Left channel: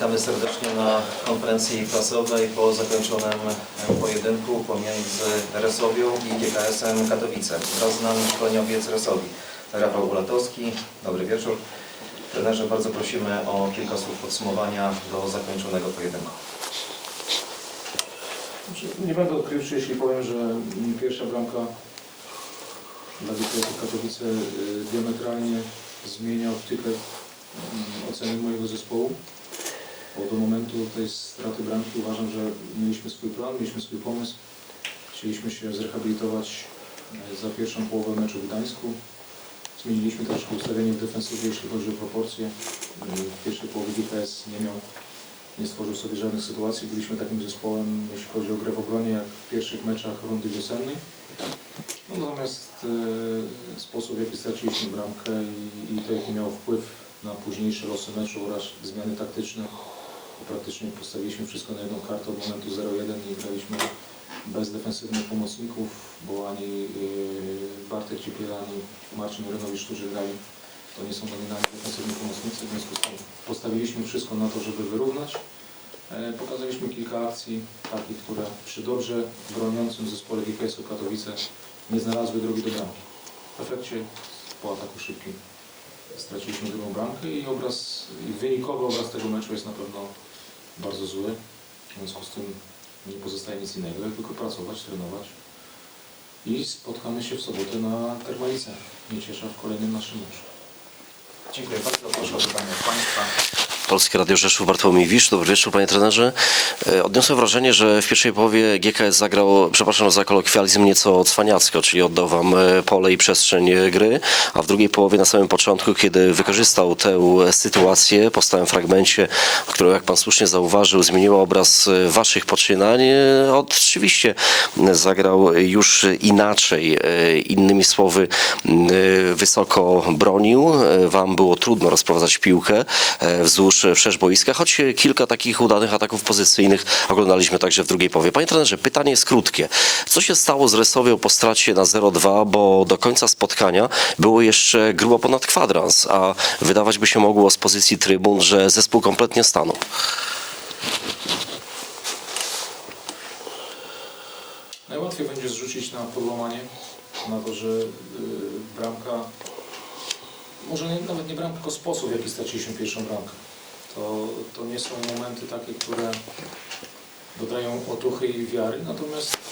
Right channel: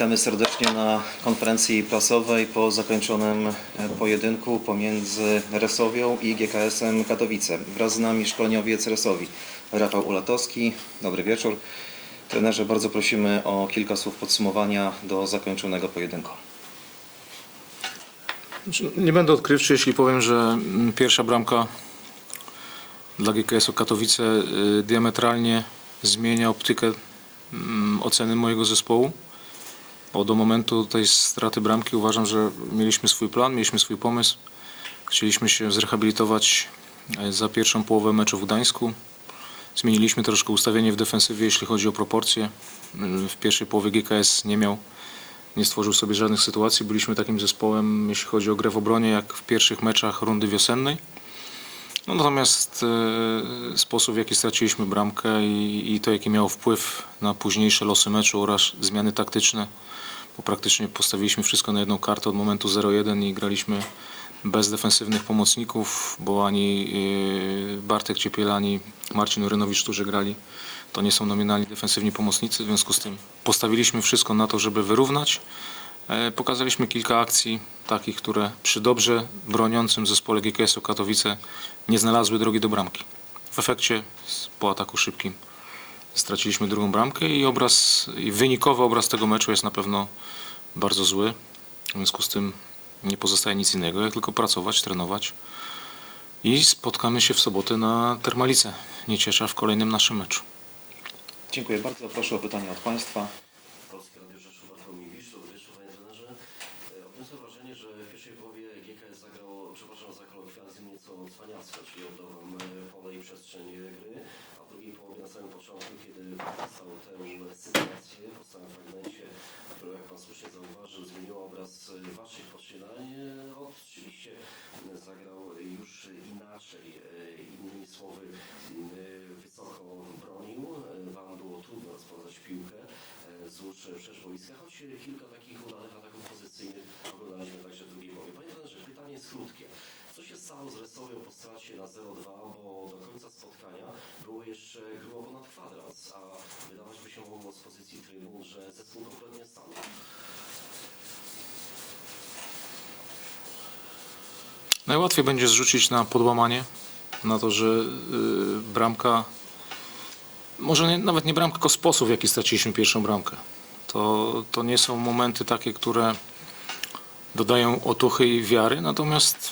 Witamy serdecznie na konferencji prasowej po zakończonym pojedynku pomiędzy Resowią i GKS-em Katowice. Wraz z nami szkoleniowiec Resowi Rafał Bulatowski. Dobry wieczór. Trenerze, bardzo prosimy o kilka słów podsumowania do zakończonego pojedynku. Nie będę odkrywczy, jeśli powiem, że mm, pierwsza bramka dla GKS-u Katowice y, diametralnie zmienia optykę mm, oceny mojego zespołu. Bo do momentu tej straty bramki uważam, że mieliśmy swój plan, mieliśmy swój pomysł. Chcieliśmy się zrehabilitować e, za pierwszą połowę meczu w Gdańsku. Zmieniliśmy troszkę ustawienie w defensywie, jeśli chodzi o proporcje. Y, W pierwszej połowie GKS nie miał nie stworzył sobie żadnych sytuacji. Byliśmy takim zespołem, jeśli chodzi o grę w obronie, jak w pierwszych meczach rundy wiosennej. No, natomiast e, sposób, w jaki straciliśmy bramkę i, i to, jaki miał wpływ na późniejsze losy meczu oraz zmiany taktyczne, bo praktycznie postawiliśmy wszystko na jedną kartę od momentu 0-1 i graliśmy bez defensywnych pomocników, bo ani e, Bartek Ciepiel, ani Marcin Orynowicz, którzy grali, to nie są nominalni defensywni pomocnicy, w związku z tym postawiliśmy wszystko na to, żeby wyrównać. E, Pokazaliśmy kilka akcji takich, które przy dobrze broniącym zespole GKS-u Katowice nie znalazły drogi do bramki. W efekcie po ataku szybkim straciliśmy drugą bramkę i obraz, i wynikowy obraz tego meczu jest na pewno bardzo zły. W związku z tym nie pozostaje nic innego, jak tylko pracować, trenować. I spotkamy się w sobotę na Termalice Nieciesza w kolejnym naszym meczu. Dziękuję bardzo. Proszę o pytania Państwa. Polskie Radio Rzeszów, Bartłomiej Wisz. Dobry wieczór, panie trenerze. E, Odniosłem wrażenie, że w pierwszej połowie GKS zagrał, przepraszam za kolokwializm, nieco cwaniacko, czyli oddał wam e, pole i przestrzeń e, gry, a w drugiej połowie na samym początku, kiedy wykorzystał tę sytuację po stałym fragmencie, która, jak pan słusznie zauważył, zmieniła obraz waszych poczynań, oczywiście zagrał już inaczej. Innymi słowy, wysoko bronił, wam było trudno rozprowadzać piłkę e, wszerz boiska, choć kilka takich udanych ataków pozycyjnych oglądaliśmy także w drugiej połowie. Panie trenerze, pytanie jest krótkie. Co się stało z Resowią po stracie na 0-2, bo do końca spotkania było jeszcze grubo ponad kwadrans, a wydawać by się mogło z pozycji trybun, że zespół kompletnie stanął. Najłatwiej będzie zrzucić na podłamanie, na to, że y, bramka, może nie, nawet nie bramka, tylko sposób, w jaki straciliśmy pierwszą bramkę. To, to nie są momenty takie, które dodają otuchy i wiary, natomiast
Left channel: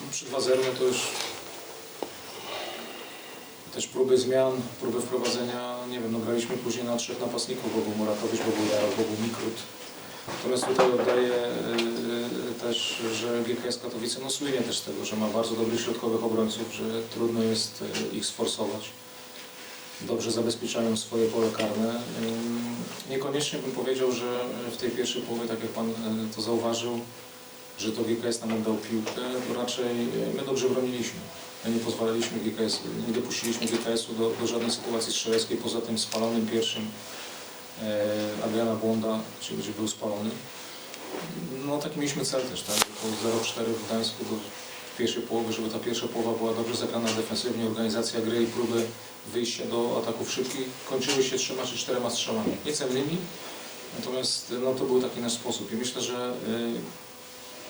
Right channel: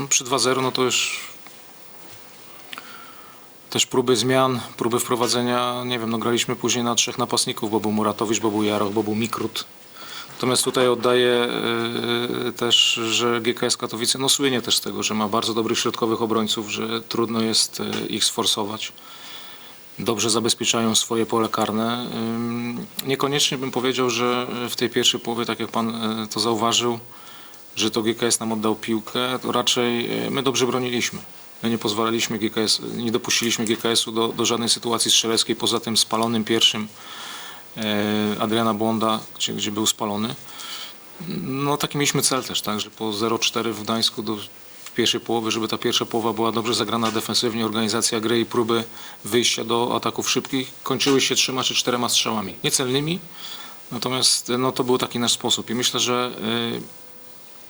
no, przy 2-0 no to już też próby zmian, próby wprowadzenia, nie wiem, no graliśmy później na trzech napastników, bo był Muratowicz, bo był Jarok, bo był Mikrut. Natomiast tutaj oddaję e, też, że GKS Katowice no słynie też z tego, że ma bardzo dobrych środkowych obrońców, że trudno jest e, ich sforsować. Dobrze zabezpieczają swoje pole karne. Niekoniecznie bym powiedział, że w tej pierwszej połowie, tak jak Pan e, to zauważył, że to GKS nam oddał piłkę, to raczej e, my dobrze broniliśmy. My nie pozwalaliśmy GKS, nie dopuściliśmy GKS-u do, do żadnej sytuacji strzeleckiej poza tym spalonym pierwszym e, Adriana Bonda, gdzie, gdzie był spalony. No taki mieliśmy cel też, tak, że po 0-4 w Gdańsku do pierwszej połowy, żeby ta pierwsza połowa była dobrze zagrana defensywnie, organizacja gry i próby wyjścia do ataków szybkich kończyły się trzema czy czterema strzałami. Niecelnymi, natomiast no, to był taki nasz sposób i myślę, że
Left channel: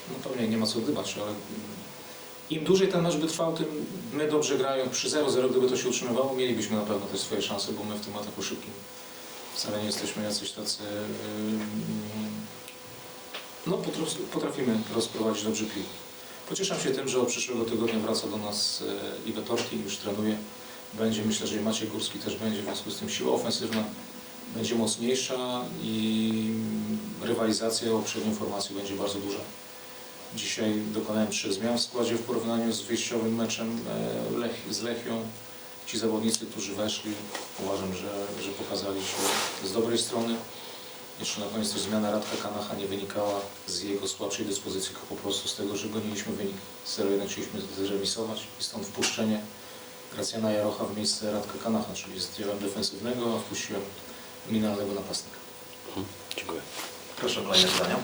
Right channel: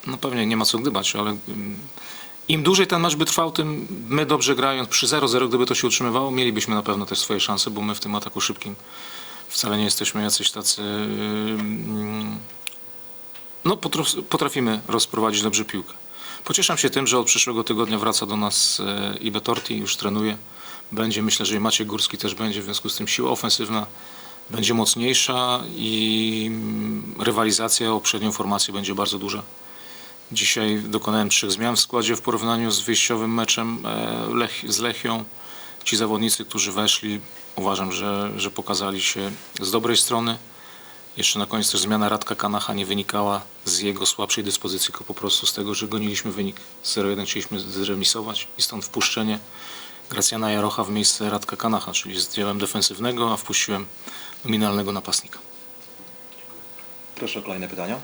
y, no pewnie nie ma co gdybać, ale ym, im dłużej ten mecz by trwał, tym my dobrze grając przy 0-0, gdyby to się utrzymywało, mielibyśmy na pewno też swoje szanse, bo my w tym ataku szybkim wcale nie jesteśmy jacyś tacy. ym, No, potraf- potrafimy rozprowadzić dobrze piłkę. Pocieszam się tym, że od przyszłego tygodnia wraca do nas e, Ibe Torti, już trenuje. Będzie, myślę, że i Maciej Górski też będzie, w związku z tym siła ofensywna będzie mocniejsza i mm, rywalizacja o przednią formację będzie bardzo duża. Dzisiaj dokonałem trzech zmian w składzie w porównaniu z wyjściowym meczem e, z Lechią. Ci zawodnicy, którzy weszli, uważam, że, że pokazali się z dobrej strony. Jeszcze na koniec też zmiana Radka Kanacha nie wynikała z jego słabszej dyspozycji, tylko po prostu z tego, że goniliśmy wynik 0-1, chcieliśmy zremisować i stąd wpuszczenie Gracjana Jarocha w miejsce Radka Kanacha, czyli zdjąłem defensywnego, a wpuściłem nominalnego napastnika. Dziękuję. Proszę o kolejne pytania.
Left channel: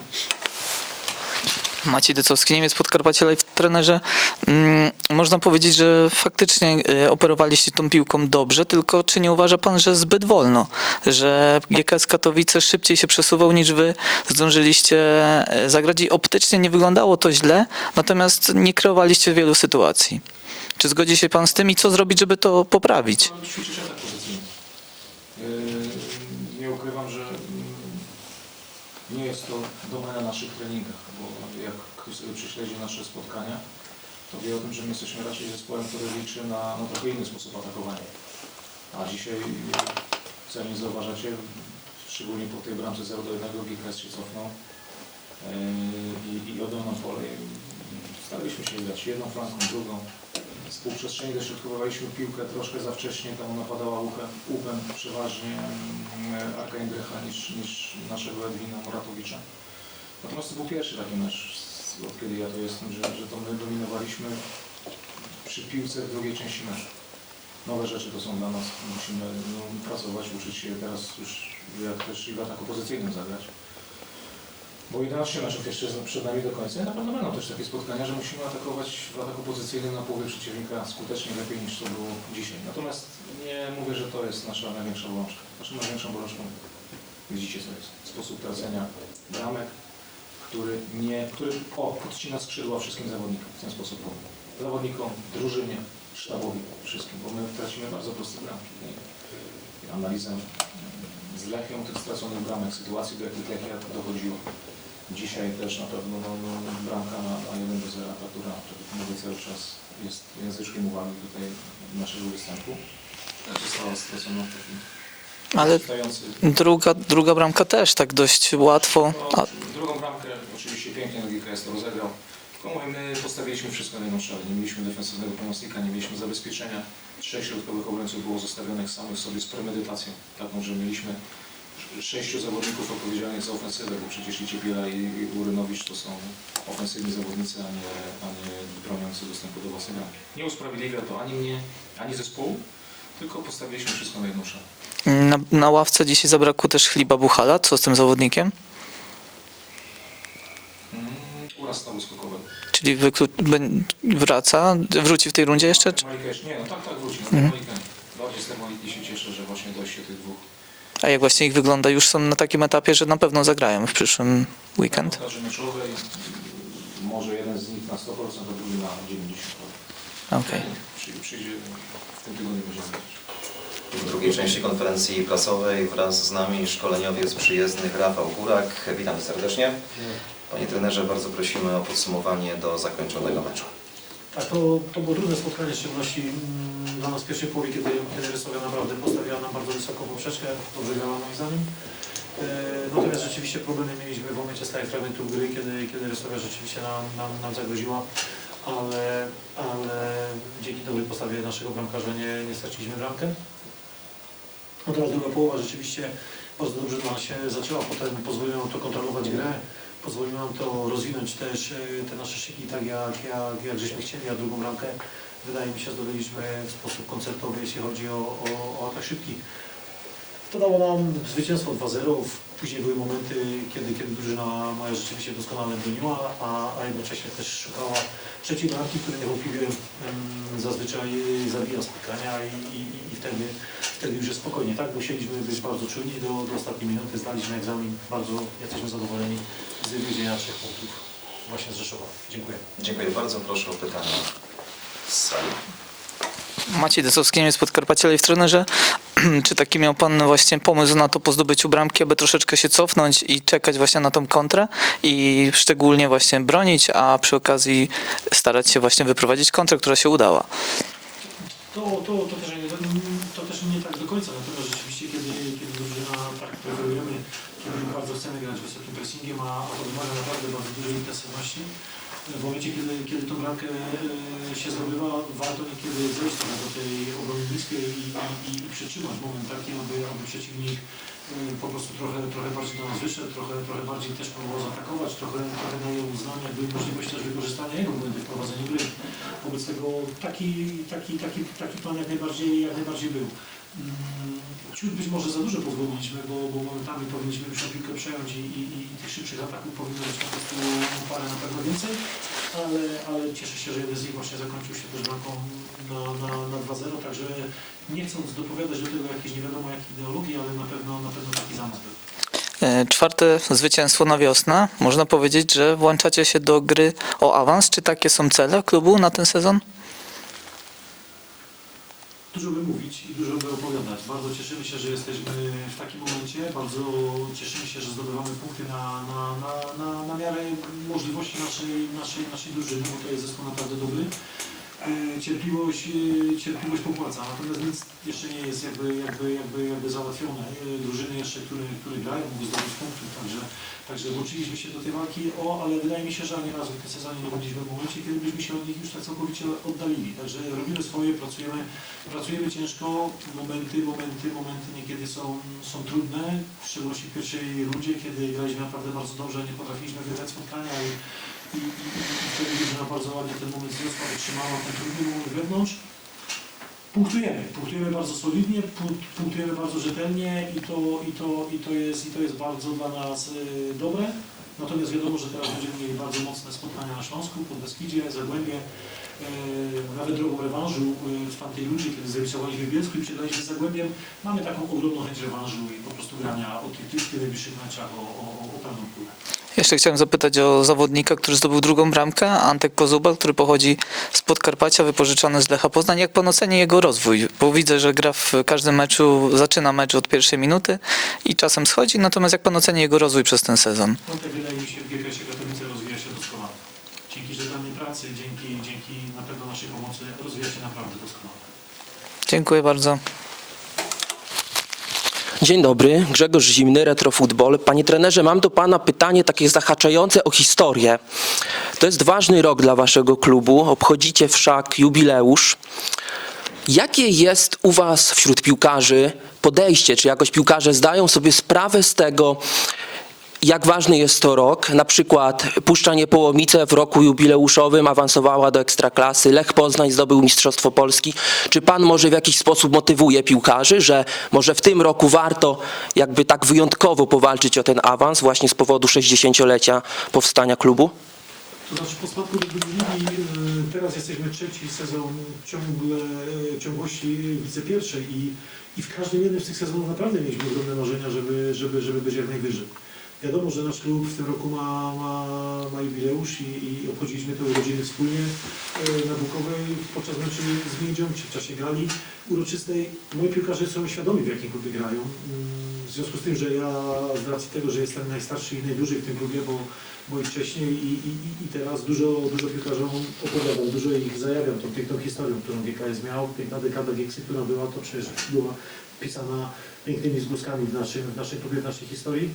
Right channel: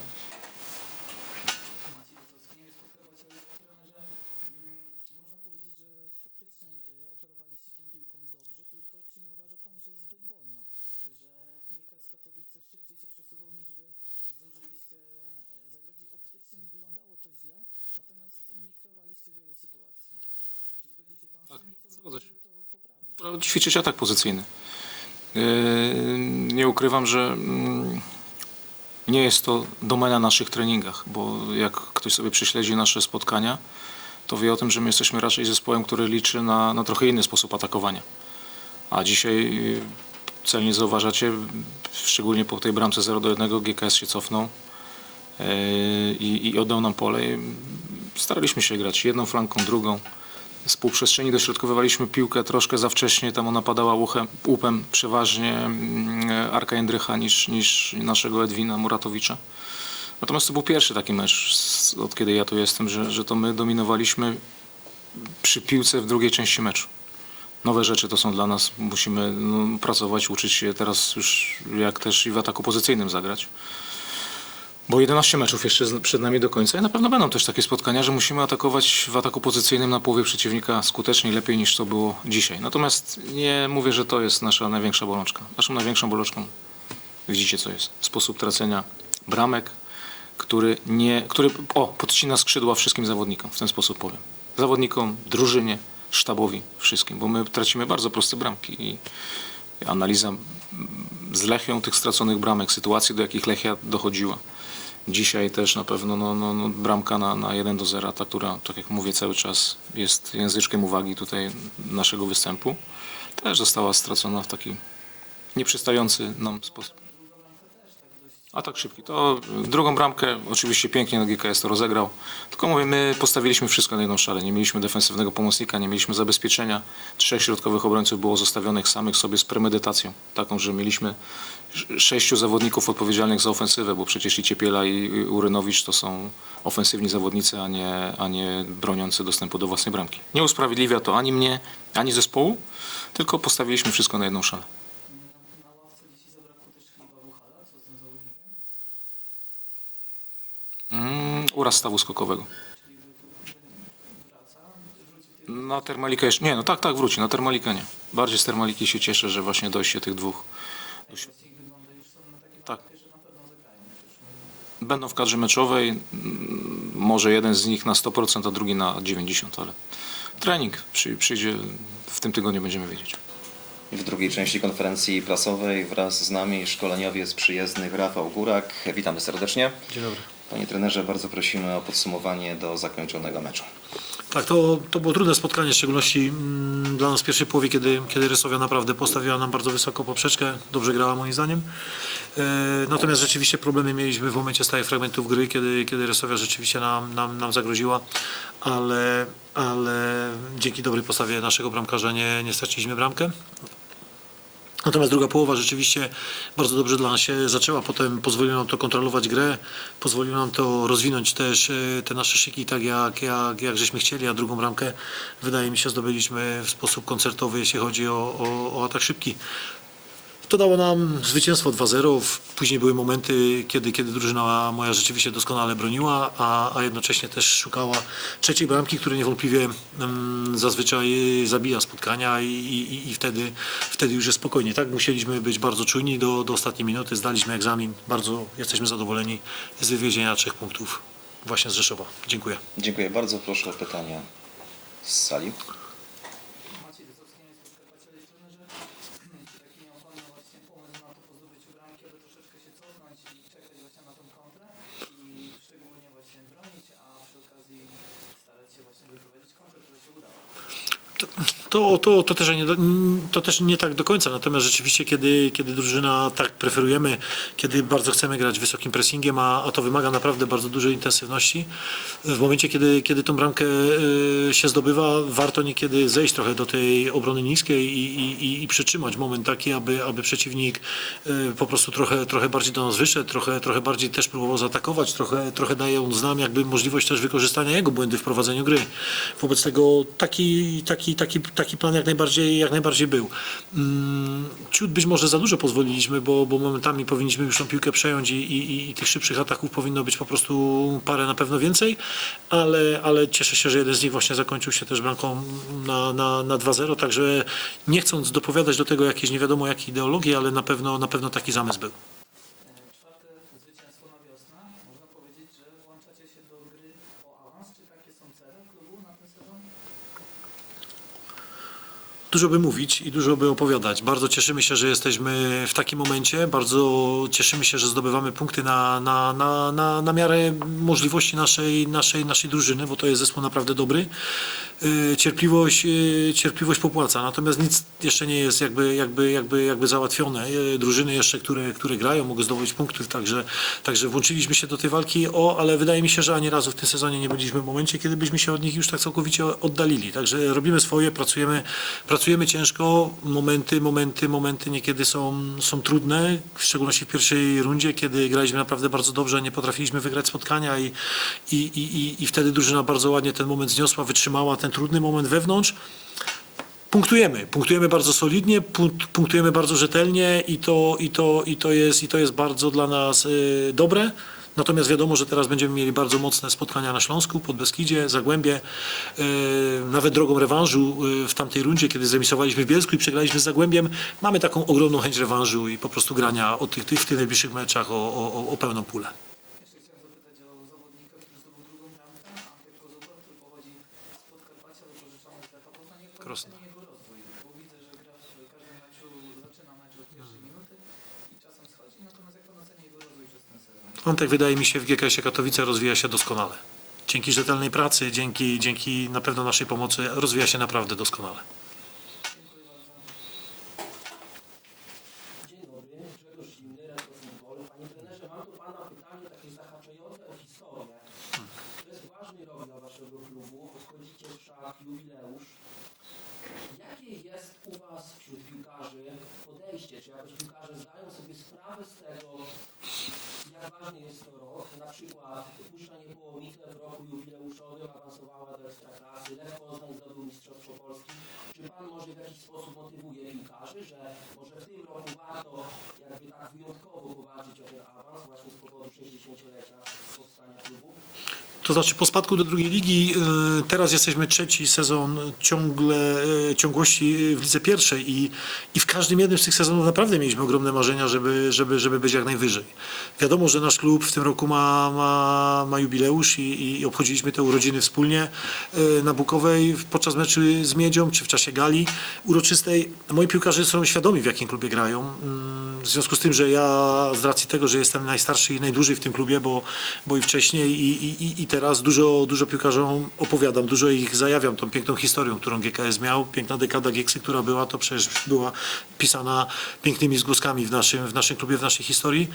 Maciej Decowski, Niemiec Podkarpacie Live trenerze. Mm, można powiedzieć, że faktycznie y, operowaliście tą piłką dobrze, tylko czy nie uważa pan, że zbyt wolno? Że GKS Katowice szybciej się przesuwał niż wy zdążyliście y, zagrać i optycznie nie wyglądało to źle, natomiast nie kreowaliście wielu sytuacji. Czy zgodzi się pan z tym i co zrobić, żeby to poprawić? Ćwiczyć atak pozycyjny. Yy, Nie ukrywam, że mm, nie jest to domena naszych treningach, bo jak ktoś sobie prześledzi nasze spotkania, to wie o tym, że my jesteśmy raczej zespołem, który liczy na, na trochę inny sposób atakowania. A dzisiaj yy, celnie zauważacie, szczególnie po tej bramce 0 do 1 GKS się cofnął yy, i, i oddał nam pole. Staraliśmy się grać jedną flanką, drugą. Z półprzestrzeni dośrodkowywaliśmy piłkę troszkę za wcześnie, tam ona padała uchem, łupem przeważnie mm, Arka Jędrycha niż, niż naszego Edwina Muratowicza. Natomiast to był pierwszy taki mecz, od kiedy ja tu jestem, że, że to my dominowaliśmy przy piłce w drugiej części meczu. Nowe rzeczy to są dla nas, musimy no, pracować, uczyć się teraz już jak też i w ataku pozycyjnym zagrać. Bo 11 meczów jeszcze przed nami do końca i na pewno będą też takie spotkania, że musimy atakować w ataku pozycyjnym na połowie przeciwnika skutecznie, lepiej niż to było dzisiaj. Natomiast nie mówię, że to jest nasza największa bolączka. Naszą największą bolączką, widzicie co jest, sposób tracenia bramek, który, nie, który o, podcina skrzydła wszystkim zawodnikom, w ten sposób powiem. Zawodnikom, drużynie, sztabowi, wszystkim, bo my tracimy bardzo proste bramki i analiza z Lechią tych straconych bramek, sytuacji, do jakich Lechia dochodziła. Dzisiaj też na pewno no, no, no, bramka na, na 1 do 0, ta, która, tak jak mówię, cały czas jest języczkiem uwagi tutaj naszego występu, też została stracona w taki Ale. No, druga, druga bramka też tak dość łatwo. to, A, drugą bramkę oczywiście pięknie na GKS to rozegrał. Tylko mówię, my postawiliśmy wszystko na jedną szalę. Nie mieliśmy defensywnego pomocnika, nie mieliśmy zabezpieczenia. Trzech środkowych obrońców było zostawionych samych sobie z premedytacją. Taką, że mieliśmy sześciu zawodników odpowiedzialnych za ofensywę, bo przecież i Ciepiela i Urynowicz to są ofensywni zawodnicy, a nie, a nie broniący dostępu do własnej bramki. Nie usprawiedliwia to ani mnie, ani zespołu, tylko postawiliśmy wszystko na jedną szalę. Na, na ławce dzisiaj zabrakło też Chliba Buchala. Co z tym zawodnikiem? Mm, uraz stawu skokowego. Czyli wraca, wróci w tej rundzie jeszcze? Na Termalika jeszcze, nie, no tak, tak, wróci. Na Termalika nie. Bardziej z Termaliki się cieszę, że właśnie dojście tych dwóch. A jak właśnie ich wygląda? Już są na takim etapie, że na pewno zagrają w przyszłym Będą weekend. w kadrze meczowej. Może jeden z nich na 100%, a drugi na 90%, ale Okej. trening przy, przyjdzie w tym tygodniu, będziemy wiedzieć. W drugiej części konferencji prasowej wraz z nami szkoleniowiec przyjezdnych Rafał Górak. Witamy serdecznie. Dzień dobry. Panie trenerze, bardzo prosimy o podsumowanie do zakończonego meczu. Tak, to, to było trudne spotkanie, w szczególności mm, dla nas w pierwszej połowie, kiedy, kiedy Rysowia naprawdę postawiła nam bardzo wysoko poprzeczkę, dobrze grała moim zdaniem. E, natomiast rzeczywiście problemy mieliśmy w momencie stałych fragmentów gry, kiedy, kiedy Rysowia rzeczywiście nam, nam, nam zagroziła, ale, ale dzięki dobrej postawie naszego bramkarza nie, nie straciliśmy bramkę. Natomiast druga połowa rzeczywiście bardzo dobrze dla nas się zaczęła. Potem pozwoliło nam to kontrolować grę, pozwoliło nam to rozwinąć też e, te nasze szyki tak jak, jak, jak żeśmy chcieli, a drugą bramkę wydaje mi się zdobyliśmy w sposób koncertowy, jeśli chodzi o, o, o atak szybki. To dało nam zwycięstwo 2-0. Później były momenty, kiedy, kiedy drużyna moja rzeczywiście doskonale broniła, a, a jednocześnie też szukała trzeciej bramki, który niewątpliwie mm, zazwyczaj zabija spotkania i, i, i wtedy, wtedy już jest spokojnie. Tak, musieliśmy być bardzo czujni do, do ostatniej minuty. Zdaliśmy egzamin. Bardzo jesteśmy zadowoleni z wywiezienia trzech punktów właśnie z Rzeszowa. Dziękuję. Dziękuję bardzo. Proszę o pytania z sali. Maciej Decowski, Niemiec Podkarpacie Live trenerze. Czy taki miał Pan właśnie pomysł na to po zdobyciu bramki, aby troszeczkę się cofnąć i czekać właśnie na tą kontrę i szczególnie właśnie bronić, a przy okazji starać się właśnie wyprowadzić kontrę, która się udała? To, to, to, też nie, to też nie tak do końca, natomiast rzeczywiście kiedy, kiedy drużyna tak preferujemy, kiedy bardzo chcemy grać wysokim pressingiem, a, a to wymaga naprawdę bardzo dużej intensywności, w momencie, kiedy, kiedy tą bramkę e, się zdobywa, warto niekiedy zejść trochę do tej obrony niskiej i, i, i przytrzymać moment taki, aby, aby przeciwnik e, po prostu trochę, trochę bardziej do nas wyszedł, trochę, trochę bardziej też próbował zaatakować, trochę, trochę daje on nam jakby możliwość też wykorzystania jego błędy w prowadzeniu gry. Wobec tego taki, taki, taki, taki plan jak najbardziej, jak najbardziej był. Mm, Ciut być może za dużo pozwoliliśmy, bo, bo momentami powinniśmy już tą piłkę przejąć i, i, i tych szybszych ataków powinno być po prostu parę na pewno więcej, ale, ale cieszę się, że jeden z nich właśnie zakończył się też bramką na, na, na 2-0, także nie chcąc dopowiadać do tego jakieś nie wiadomo jakie ideologii, ale na pewno, na pewno taki zamysł był. E, Czwarte zwycięstwo na wiosnę. Można powiedzieć, że włączacie się do gry o awans. Czy takie są cele klubu na ten sezon? Dużo by mówić i dużo by opowiadać. Bardzo cieszymy się, że jesteśmy w takim momencie. Bardzo cieszymy się, że zdobywamy punkty na, na, na, na, na miarę możliwości naszej, naszej, naszej drużyny, bo to jest zespół naprawdę dobry. Yy, Cierpliwość, yy, cierpliwość popłaca, natomiast nic jeszcze nie jest jakby, jakby, jakby, jakby załatwione. Yy, Drużyny jeszcze, które, które grają, mogą zdobyć punktów, także, także włączyliśmy się do tej walki, o, ale wydaje mi się, że ani razu w tym sezonie nie byliśmy w momencie, kiedy byśmy się od nich już tak całkowicie oddalili. Także robimy swoje, pracujemy, pracujemy ciężko, momenty, momenty, momenty niekiedy są, są trudne, w szczególności w pierwszej rundzie, kiedy graliśmy naprawdę bardzo dobrze, nie potrafiliśmy wygrać spotkania i, i, i, i wtedy drużyna bardzo ładnie ten moment zniosła, wytrzymała ten trudny moment wewnątrz. Punktujemy, punktujemy bardzo solidnie, pun- punktujemy bardzo rzetelnie i to, i to, i to, jest, i to jest bardzo dla nas y, dobre. Natomiast wiadomo, że teraz będziemy mieli bardzo mocne spotkania na Śląsku, Podbeskidzie, Zagłębie, y, nawet drogą rewanżu y, w tamtej rundzie, kiedy zremisowaliśmy w Bielsku i przegraliśmy z Zagłębiem. Mamy taką ogromną chęć rewanżu i po prostu grania o tych, tych, w tych najbliższych meczach o, o- o pełną pulę. Jeszcze chciałem zapytać o zawodnika, który zdobył drugą bramkę, Antek Kozuba, który pochodzi z Podkarpacia, wypożyczony z Lecha Poznań. Jak pan oceni jego rozwój? Bo widzę, że gra w każdym meczu, zaczyna mecz od pierwszej minuty i czasem schodzi, natomiast jak pan oceni jego rozwój przez ten sezon? On tak wydaje mi się w GKS Katowice rozwija się doskonale. Dzięki rzetelnej pracy, dzięki, dzięki na pewno naszej pomocy rozwija się naprawdę doskonale. Dziękuję bardzo. Dzień dobry, Grzegorz Zimny, Retrofutbol. Panie trenerze, mam do pana pytanie takie zahaczające o historię. To jest ważny rok dla waszego klubu, obchodzicie wszak jubileusz. Jakie jest u was wśród piłkarzy podejście, czy jakoś piłkarze zdają sobie sprawę z tego, jak ważny jest to rok? Na przykład Puszcza Niepołomice w roku jubileuszowym awansowała do Ekstraklasy, Lech Poznań zdobył Mistrzostwo Polski. Czy pan może w jakiś sposób motywuje piłkarzy, że może w tym roku warto jakby tak wyjątkowo powalczyć o ten awans właśnie z powodu 60-lecia powstania klubu? To znaczy po spadku do drugiej ligi y, teraz jesteśmy trzeci sezon ciągle, y, ciągłości w lidze pierwszej i, i w każdym jednym z tych sezonów naprawdę mieliśmy ogromne marzenia, żeby, żeby, żeby być jak najwyżej. Wiadomo, że nasz klub w tym roku ma, ma, ma jubileusz i, i obchodziliśmy te urodziny wspólnie y, na Bukowej podczas meczu z Miedzią czy w czasie gali uroczystej. Moi piłkarze są świadomi w jakim klubie grają. Mm, W związku z tym, że ja z racji tego, że jestem najstarszy i najdłużej w tym klubie, bo, bo i wcześniej i, i, i- i teraz dużo, dużo piłkarzom opowiadam, dużo ich zajawiam tą piękną historią, którą GKS miał. Piękna dekada Gieksy, która była, to przecież była pisana pięknymi zgłoskami w naszym, w naszym klubie, w naszej historii.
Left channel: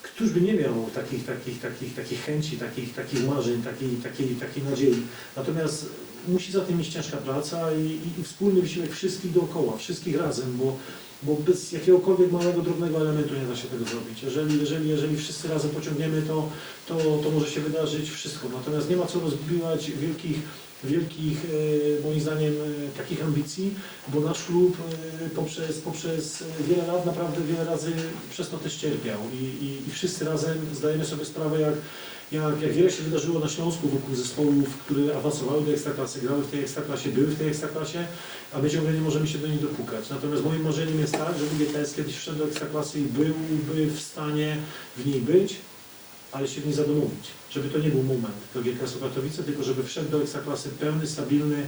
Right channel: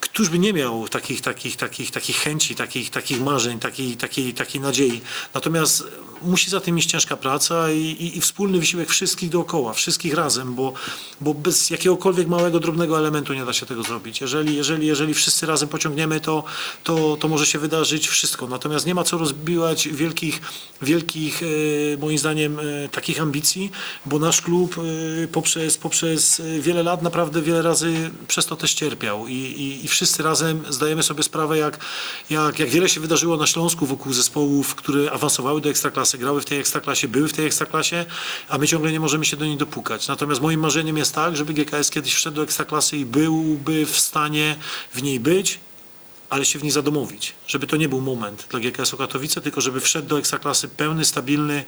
Któż by nie miał takich, takich, takich, takich chęci, takich, takich marzeń, takiej, takiej, takiej nadziei. Natomiast musi za tym iść ciężka praca i, i, i wspólny wysiłek wszystkich dookoła, wszystkich razem, bo, bo bez jakiegokolwiek małego, drobnego elementu nie da się tego zrobić. Jeżeli, jeżeli, jeżeli wszyscy razem pociągniemy, to, to, to może się wydarzyć wszystko. Natomiast nie ma co rozbiwać wielkich, wielkich e, moim zdaniem, e, takich ambicji, bo nasz klub e, poprzez, poprzez wiele lat naprawdę wiele razy przez to też cierpiał i, i, i wszyscy razem zdajemy sobie sprawę, jak, jak, jak wiele się wydarzyło na Śląsku wokół zespołów, które awansowały do Ekstraklasy, grały w tej Ekstraklasie, były w tej Ekstraklasie, a my ciągle nie możemy się do niej dopukać. Natomiast moim marzeniem jest tak, żeby GKS kiedyś wszedł do Ekstraklasy i byłby w stanie w niej być, ale się w niej zadomowić. Żeby to nie był moment dla GKS-u Katowice, tylko żeby wszedł do Ekstraklasy pełny, stabilny,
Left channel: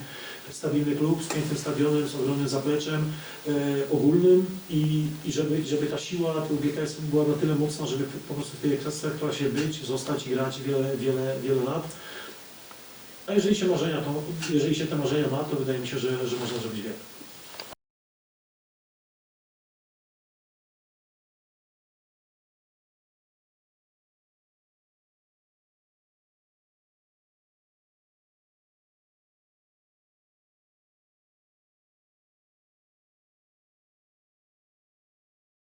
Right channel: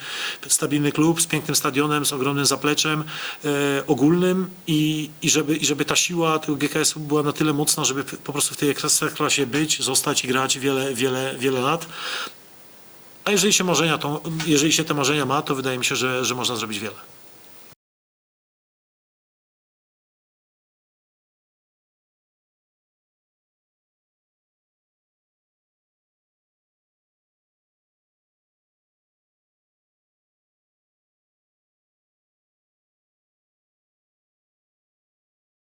stabilny klub z pięknym stadionem, z ogromnym zapleczem e, ogólnym i, i, żeby, i żeby ta siła tego GKS-u była na tyle mocna, żeby po prostu w tej Ekstraklasie być, zostać i grać wiele, wiele, wiele lat. A jeżeli się marzenia, to, jeżeli się te marzenia ma, to wydaje mi się, że, że można zrobić wiele.